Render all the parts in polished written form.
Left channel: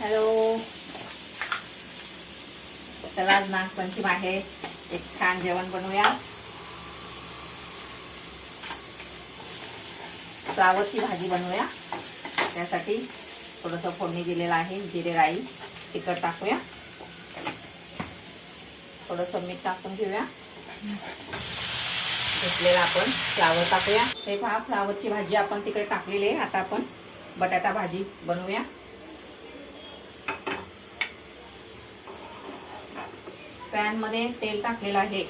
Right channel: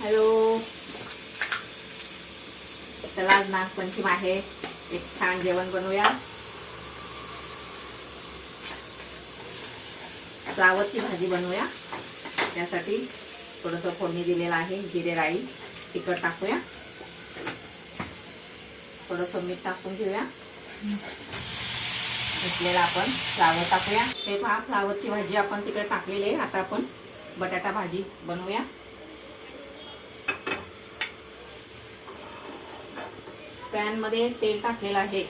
Hello, चला आज नागपंचमी आहे. एक छान जेवण बनवूया. फ्लावरची भाजी बनवूया. त्यासाठी थोडंसं फोडणी दिलेलं आहे. जिरे राई तिखट टाकूया. थोडंसं मीठ टाकून घेऊया. घेतलेला आपण फ्लावर टाकूया. हे पहा, फ्लावरची भाजी आपण तिकडे टाकलेली आहे. आता आपण बटाटा भाजी बनवूया. पॅन मध्ये तेल टाकलेलं आहे.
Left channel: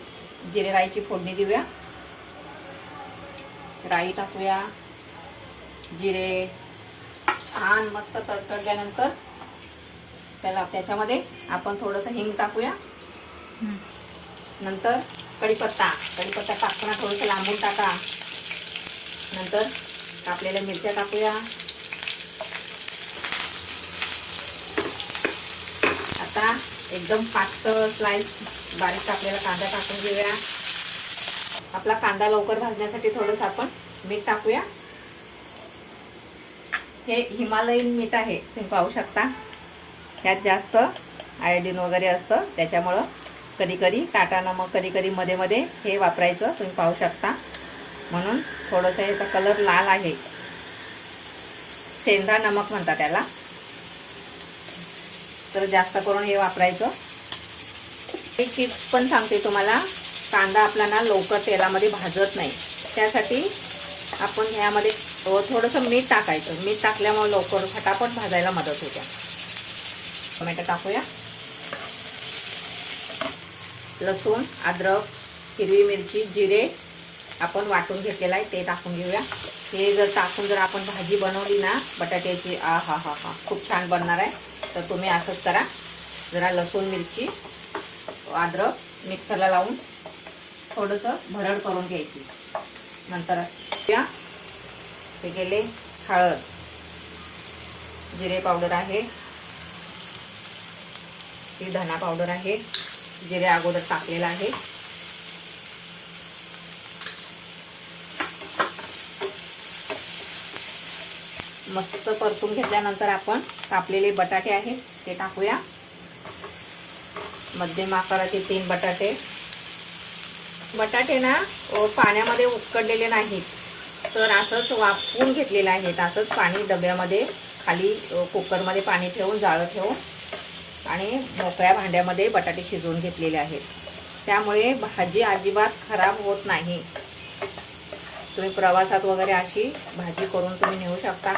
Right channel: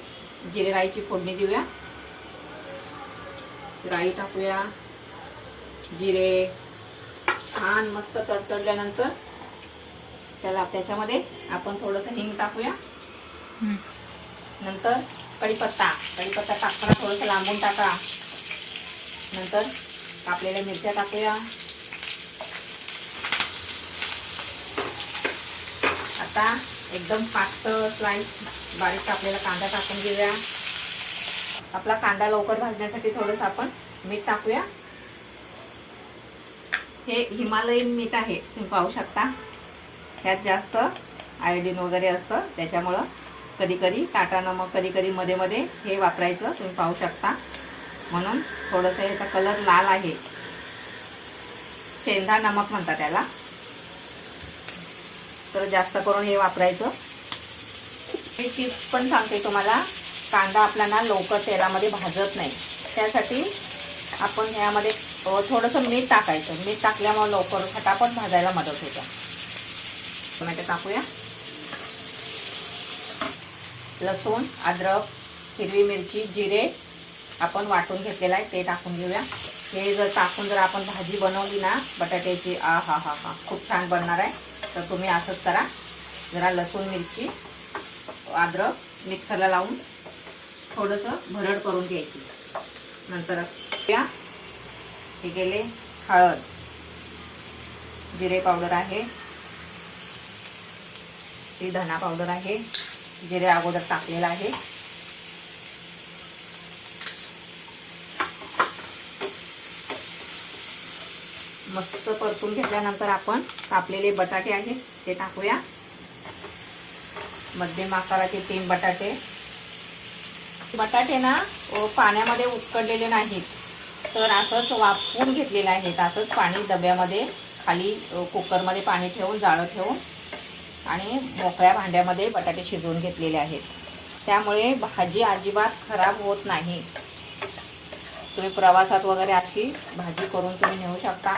जिरे राईची फोडणी देऊया. राई टाकूया. जिरे छान मस्त तडतडल्यानंतर त्याच्यामध्ये आपण थोडंसं हिंग टाकूया. नंतर कढीपत्ता टाकताना थोडंसं लांबून टाका. नंतर कापलेल्या मिरच्या टाकूया. आता एकदम पातळ स्लाइस बारीक कापलेला कांदा टाकून घेऊया. आपला कांदा लवकर भाजण्यासाठी थोडंसं आपण मीठ टाकूया. हे हिमालयन मीठ आहे, तुम्ही पाहू शकता. ह्यात जास्त आयोडीन वगैरे असतं, त्याच्यामुळं कधी कधी टाटा नमक, कधी कधी मध्ये मध्ये हे वापरायचं, तुम्ही पाहू शकता. म्हणून थोडंसं याचा कलर लाल आहे. सेंधा नमक म्हणतात त्याला. तर जास्त करून हे वापरायचं. एक टिप्स पण सांगते तुम्हाला. कांदा आपला ना लवकर तेलामध्ये भाजत नाही, त्यासाठी आपण ह्यामध्ये थोडंसं मीठ टाकायचं. मीठ टाकल्यामुळे लवकर फटाफट भाजायला मदत होते. टोमॅटो टाकूया. लसूण, अद्रक, हिरवी मिरची, जिरे आपण वाटून घेतलेलं आहे ते टाकून घेऊया. हे जर टाकून जर आपण भाजी बनवली ना बटाट्याची, हा हा हा हा खूप छान बनणार आहे. तर तुम्ही असंच करा. जरा लसूण, मिरची, अद्रक मिक्सरला लावून थोडंसं भरड करून घ्यायची. नंतर हे केले हळद, जिरे पावडर आहे, ही धना पावडर आहे. जिरे अगोदर टाकलेला आहे. मस्त परतून घेतल्यानंतर आपण कापलेले बटाटे आहेत ते टाकूया. मध्यम आकाराचे 3 बटाटे. बटाटे ना पाण्यामध्ये उकडलेले नाहीत, तर असंच वाफवून घेतलेले आहेत. असंच पाणी डब्यामध्ये खाली कुकरमध्ये पाणी ठेवून, जाळं ठेवून आणि मोकळ्या भांड्यामध्ये बटाटे शिजवून घेतलेले आहेत. त्यामुळे भाजी अजिबात खराब होत नाही. तुम्ही प्रवासात वगैरे अशी भाजी करून तुम्ही नेऊ शकता.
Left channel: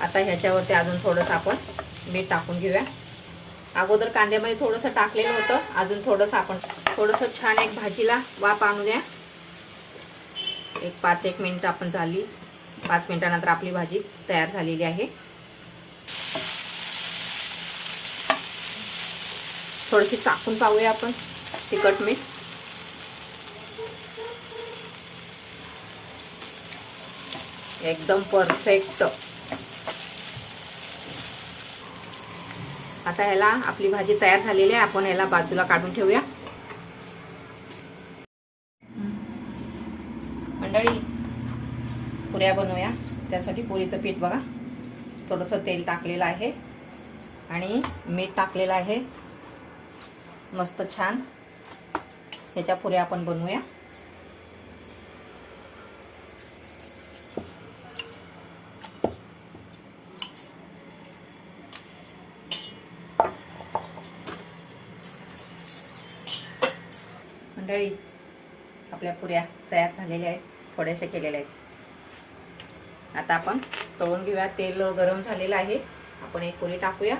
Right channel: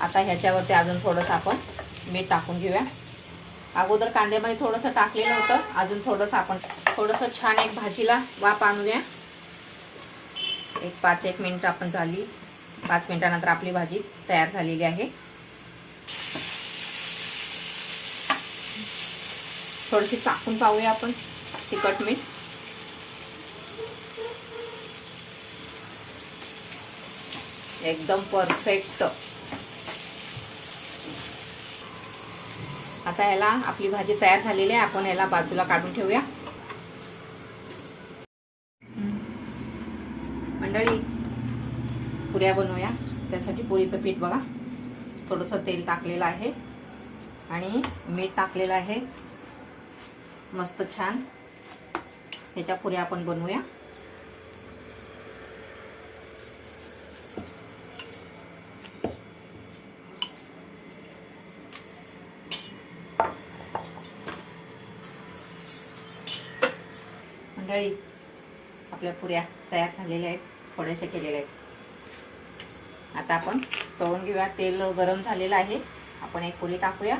आता ह्याच्यावरती अजून थोडंसं आपण मीठ टाकून घेऊया. अगोदर कांद्यामध्ये थोडंसं टाकलेलं होतं. अजून थोडंसं आपण छान एक भाजीला वाफ आणूया. एक 5-1 मिनिट आपण झाली. 5 मिनिटानंतर आपली भाजी तयार झालेली आहे. थोडीशी चाकून पाहूया आपण तिखट मीठ. एकदम परफेक्ट. आता ह्याला आपली भाजी तयार झालेली आहे. आपण ह्याला बाजूला काढून ठेवूया. मंडळी, पुऱ्या बनवूया. त्यासाठी पुरीचं पीठ बघा, थोडंसं तेल टाकलेलं आहे आणि मीठ टाकलेलं आहे. मस्त छान ह्याच्या पुऱ्या आपण बनवूया. मंडळी, आपल्या पुऱ्या तयार झालेल्या आहेत. थोडेसे केलेले आहेत. आता आपण तळून घेऊया. तेल गरम झालेलं आहे. आपण एक पुरी टाकूया.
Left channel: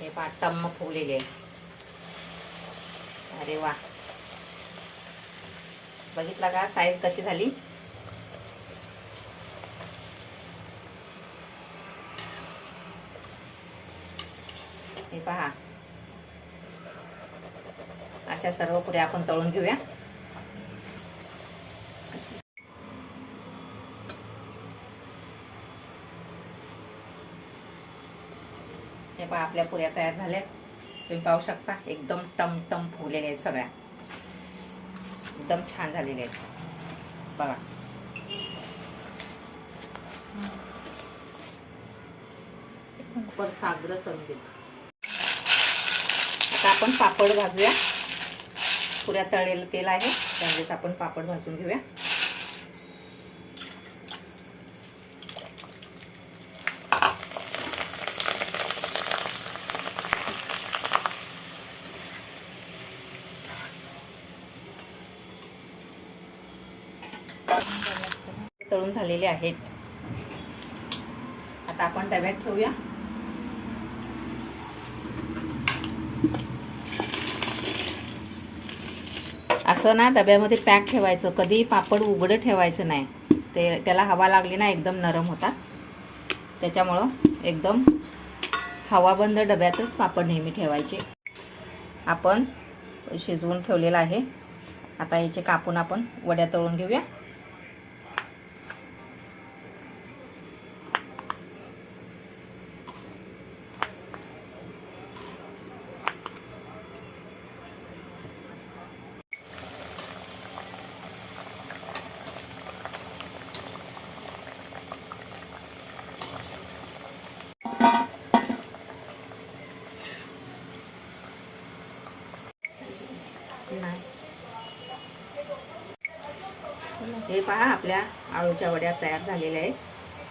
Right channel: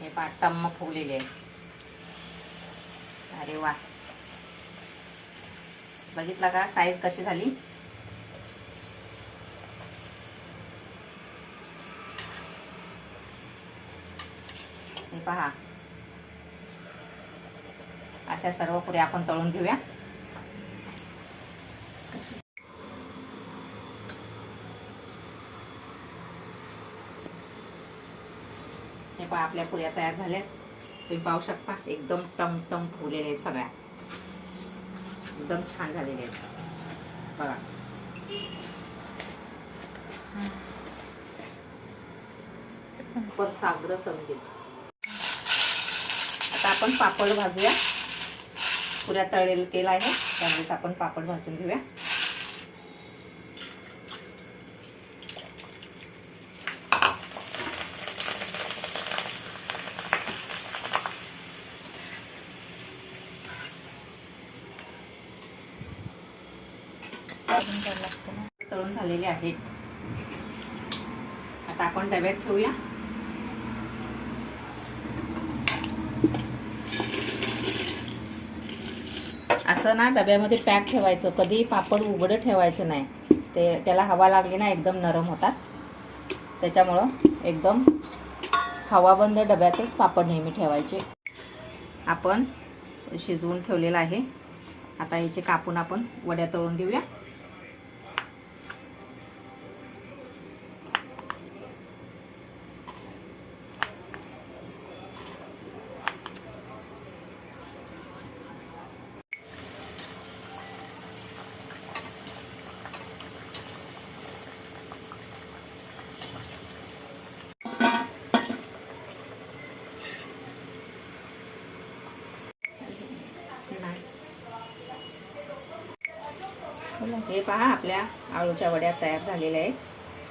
हे टम्म फुगलेले आहे. अरे वा, बघितला का साईज कशी झाली. हे पहा, अशा सर्व पुऱ्या आपण तळून घेऊया. हे पहा, आपल्या पुऱ्या तयार झाल्या. तुम्ही पाहू शकता एकदम टमटम फुगलेले आहेत, सगळ्या एकदम छान झालेले आहेत बघा. पर सागर संगीत. आता आपण पापड भाजूया. पुऱ्या तळलेलं तेल आहे त्यामुळे आपण पापड भाजून घेऊया. तळून झालेले आहेत. आता आपण डब्यात ठेवूया. असं ना डब्यामध्ये पॅक ठेवायचं, कधी पापड उघडं ठेवायचं नाही. ते त्याला हवा लागली ना एकदम नरम होतात. त्याच्यामुळं एकदम हवाबंद डब्यातच पापड नेहमी ठेवायचे. आपण शिजवून ठेवलेलं आहे. आता याचे कापून आपण वड्या तळून घेऊया. हे पहा आपल्या आळूच्या वड्या तयार झालेल्या आहेत.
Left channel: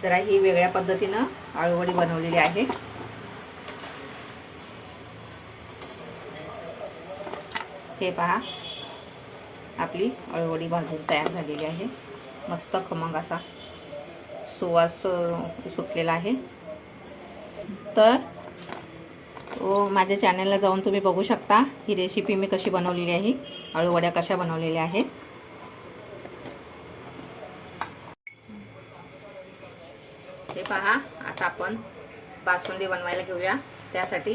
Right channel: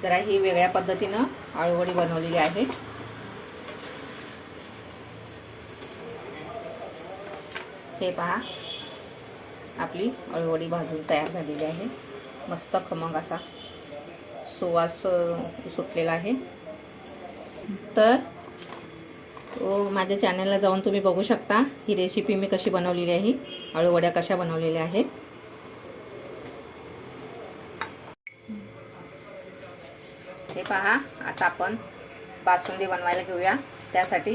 जरा ही वेगळ्या पद्धतीनं आळूवडी बनवलेली आहे. हे पहा आपली आळूवडी भाजून तयार झालेली आहे. मस्त खमंग असा सुवास सुटलेला आहे. तर माझ्या चॅनलला जाऊन तुम्ही बघू शकता ही रेसिपी मी कशी बनवलेली आहे. आळूवड्या कशा बनवलेल्या आहेत. हे पहा आता आपण बासुंदी बनवायला घेऊया. त्यासाठी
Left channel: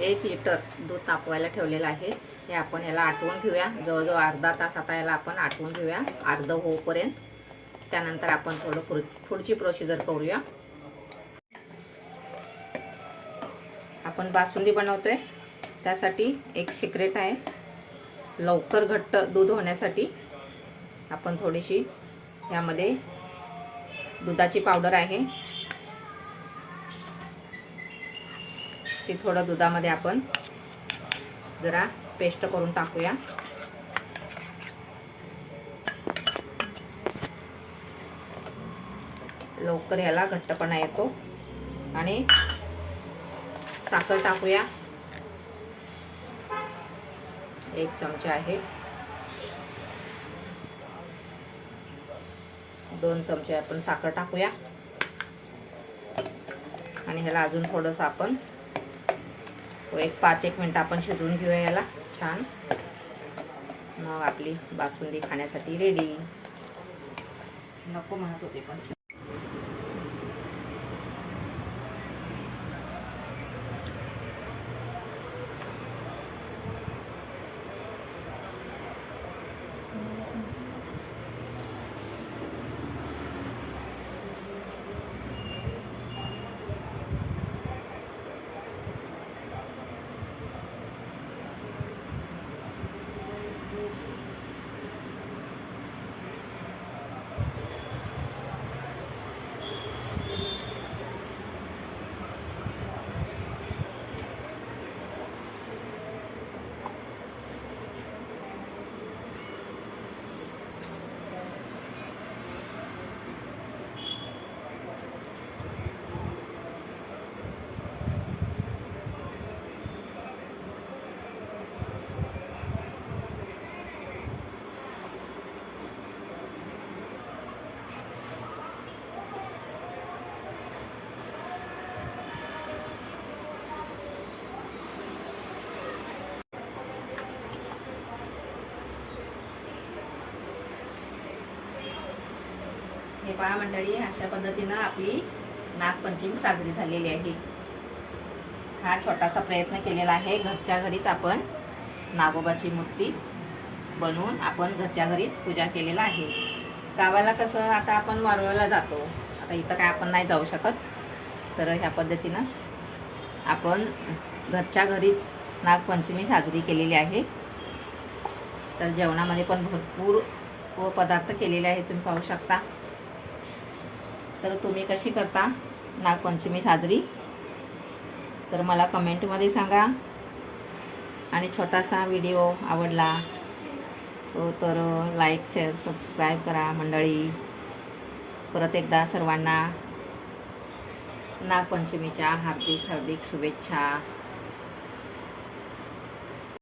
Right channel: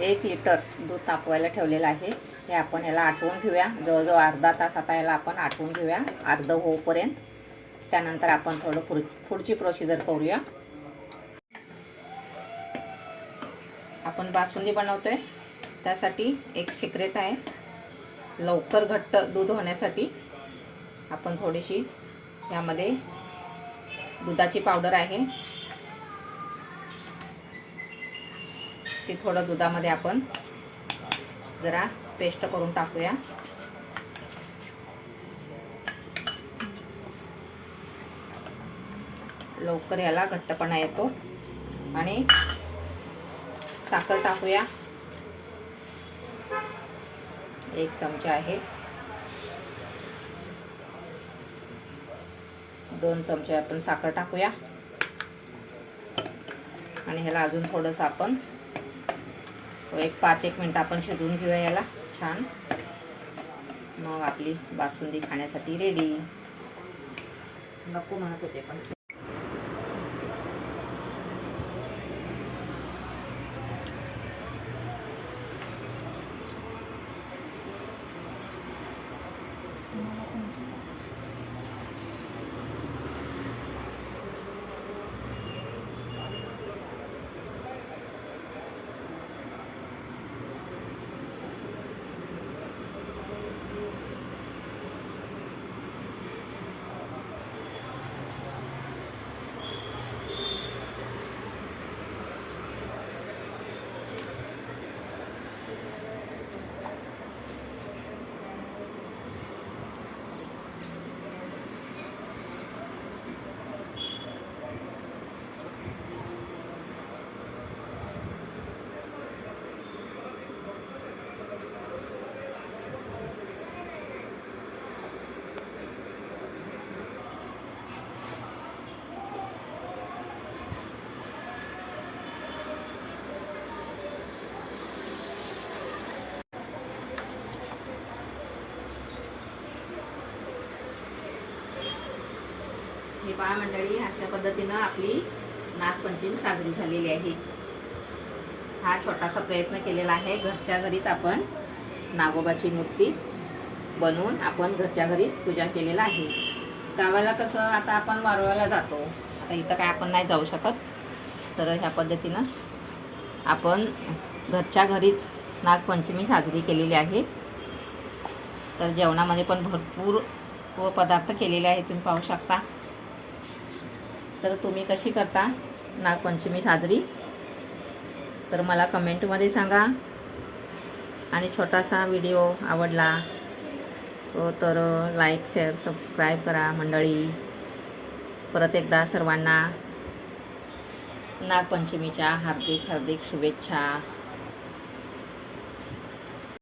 1 लिटर दूध तापवायला ठेवलेलं आहे. हे आपण याला आटवून घेऊया. जवळजवळ अर्धा तास आता याला आपण आटवून घेऊया अर्ध होईपर्यंत. त्यानंतर आपण थोडं पुढची प्रोसिजर करूया. आपण बासुंदी बनवतोय त्यासाठी एक सिक्रेट आहे. लवकर घट्ट दूध होण्यासाठी आपण थोडीशी यामध्ये दुधाची पावडर आहे ती थोडं दुधामध्ये आपण जरा पेस्ट करून टाकूया. लवकर याला घट्टपणा येतो. आणि साखर टाकूया. 1 चमचा आहे. 2 चमचे आपण साखर टाकूया. आणि ह्याला अजून थोडंसं आपण 5-1 मिनिट आपण शिजवून घेऊया याला छान. मग आपली बासुंदी खाण्यासाठी रेडी. नको म्हणत होते पण हे पहा मंडळी, अशा पद्धतीनं आपली नागपंचमी साजरी झालेली आहे. हा छोटासा प्रयत्न केलेला आहे. घरच्या घरीच आपण नागोबाची मूर्ती बनवून आपण घरच्या घरीच पूजा केलेला आहे. गावाला कसं आता आपण वारुळाला जातो, आता इथं काय आपण नाही जाऊ शकत. तर ह्या पद्धतीनं आपण घरच्या घरीच नागपंचमी साजरी केलेली आहे. तर जेवणामध्ये पण भरपूर पदार्थ केलेले आहेत, तुम्ही पाहू शकता. तर तुम्ही कशी करता नागपंचमी साजरी, तर मला कमेंटमध्ये सांगा. आणि छोटासा व्हिडिओ आवडला तर लाईक शेअर सबस्क्राईब करा मंडळी. परत एकदा सर्वांना नागपंचमीच्या हार्दिक हार्दिक शुभेच्छा.